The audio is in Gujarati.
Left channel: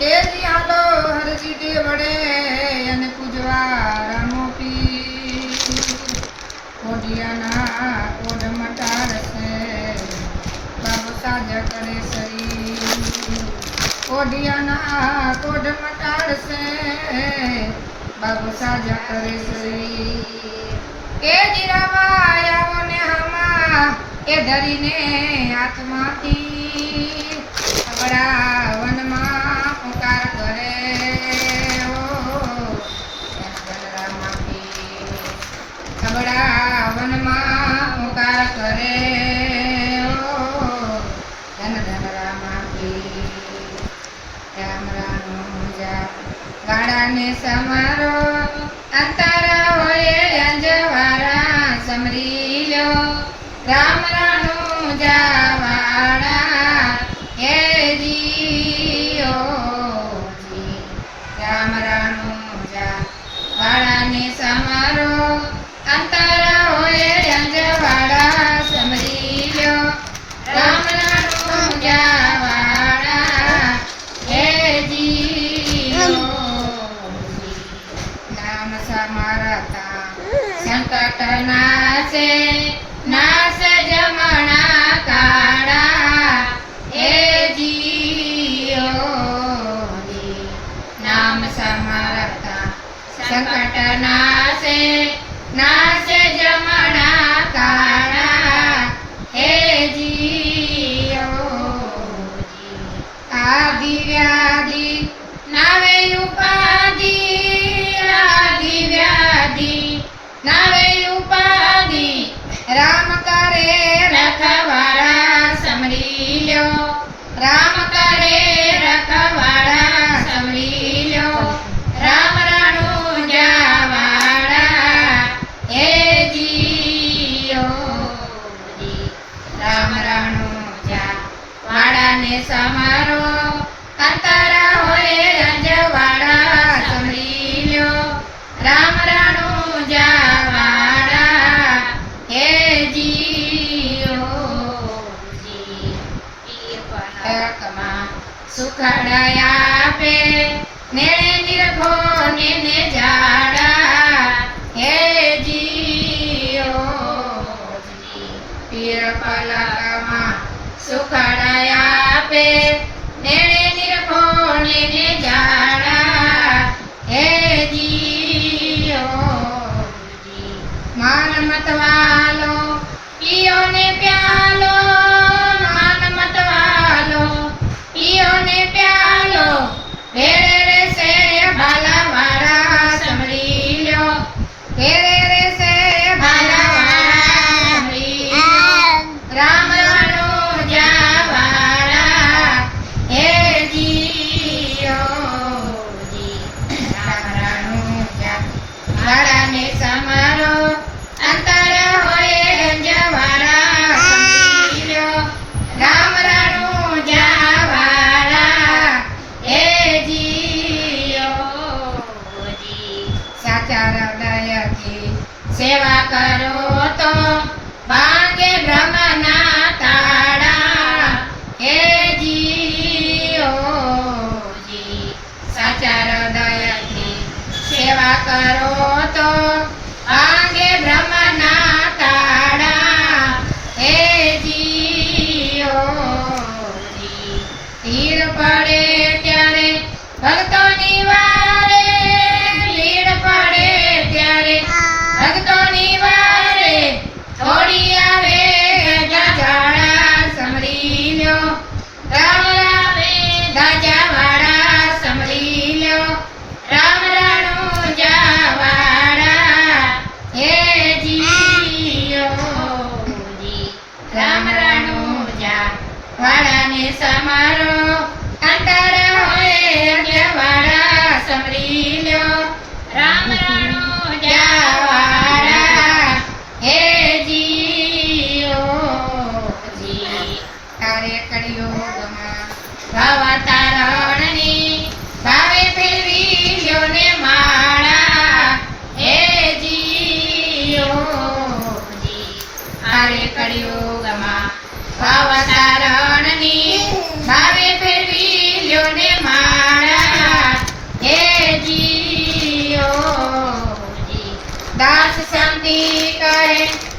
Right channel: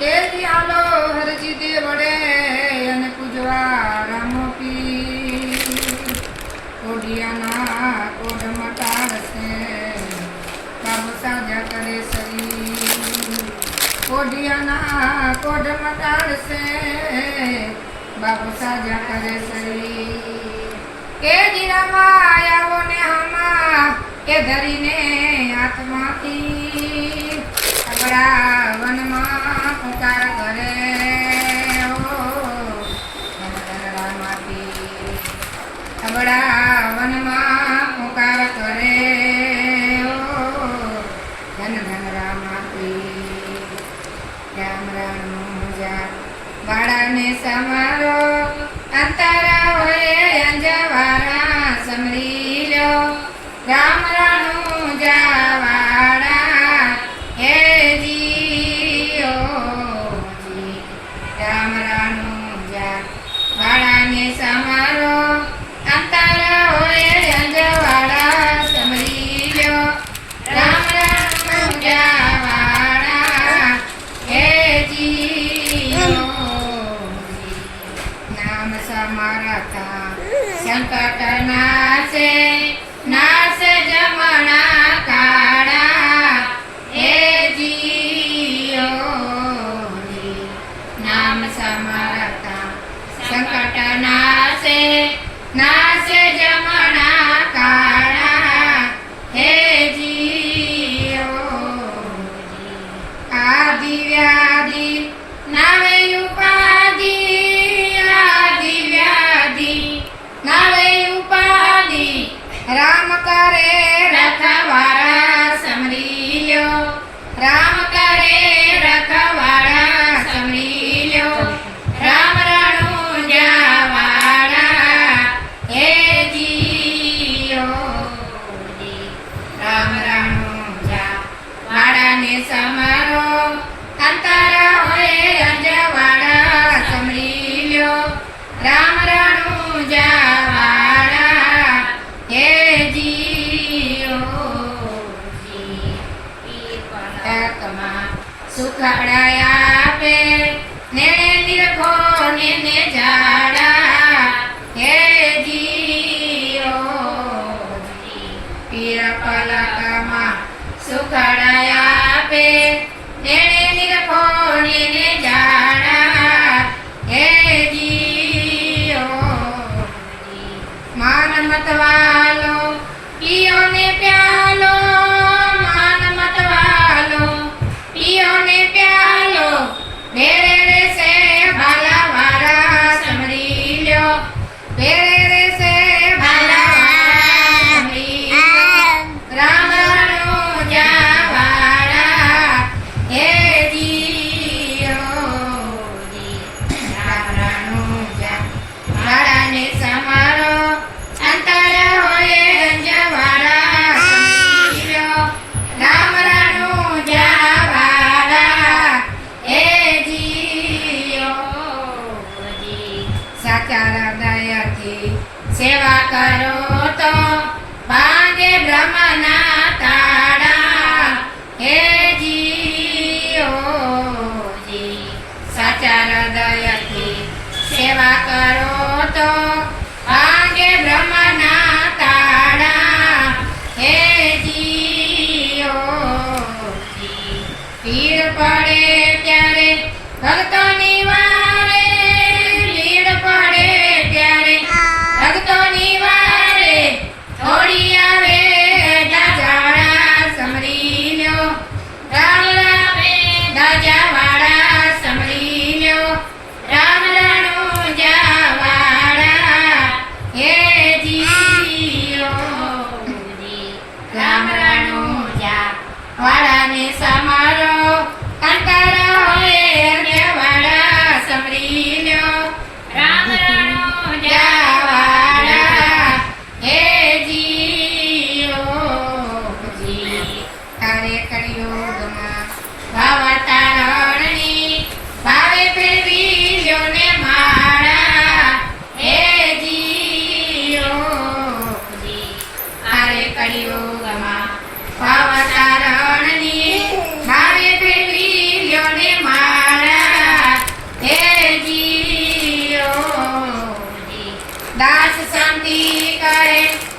તેજી હાલો હરજી દે વડે અને પૂજવા રામો પી ઓડિયાના ઓઢ મટાડશે બાબુ સાજા કરે સરી ઓઢિયાના કોઢ મટાડશે બાબુ સાજા કરે સરી કે જીરામાં આવો ને હામાં એ ધરીને હાથમાંથી અગડા વનમાં પુકાર કરે અગડા વનમાં પુકાર કરે ધન ધન રામાથી રામ રામ ગાડાને સમારો અંતર હોય અંજવારા સમરી લો રામ રાણું જાવાડા હે જીઓ જી રામ રાણું જા વાડાને સમારો અંતર હોય અંજવાડા સમરી લો રામ રાણું જાવાડા હે જીઓ નામ સમારતા સંકટ નાશે નાશ જમણા કાળા હે જીઓ નામ સમારતા સંકટ નાશે નાશ જમણા કાળા હે જીઓ આદિ વ્યાધિ નાવે ઉપાધિ આદિ વ્યાધિ નાવે ઉપાધિ રામ કરે રખવાળા સમરી લ્યો રામ કરે રખવાળા સમરી લ્યો રામ રાણું જાવાળા હે જીઓ રામ રાણું જા વાડાને સમારો અંતર હોય અંજવાળા સમરી લ્યો રામ રાણું જાવાળા હે સુખડાયા આપે નેણે નિરખો ને જાડા હે જીઓ પીર પલકમાં સુખડાયા આપે નેણે નિરખો ને જાડા હે જીઓ માન મતવાલો પિયો ને પ્યાલો માન મતવાલો પિયો ને પ્યાલો ભેરે રે સે ભાલા વાળા સમરી લ્યો ભેરે રે સે ભાલા વાળા સમરી રામ રાણું જાવાળા હે જીઓ રામ રાણું જા વાળાને સમારો અંતર હોય અંજવાળા સમરી લ્યો રામ રાણું જાવાળા હે જીઓ સાચા હૃદયથી સેવા કરો તો ભાંગે બ્રહ્મના તાળા હે જીઓ સાચા હૃદયથી સેવા કરો તો ભાંગે બ્રહ્મના તાળા હે જીઓ તીર પડે ત્યારે ભક્તોની વારે લીડ પડે ત્યારે ભક્તોની વારે થોડી આવે જાજાવાળા સમરી લ્યો રામ રામે દાજાવાળા સમરી લ્યો રામ રાણું જાવાળા હે જીઓ રામ રાણું જા વાળાને સમારો અંતર હોય અંજવાળા સમરી લ્યો રામ રાણું જાવાળા હે જીઓ તારે કળિયુગમાં ભાવતારણની ભાવે ફેરવી લ્યો ને માળા હે જીઓ તારે કળિયુગમાં ભાવતારણની ભાવે ફેરવી લ્યો ને માળા શાંતિ કહે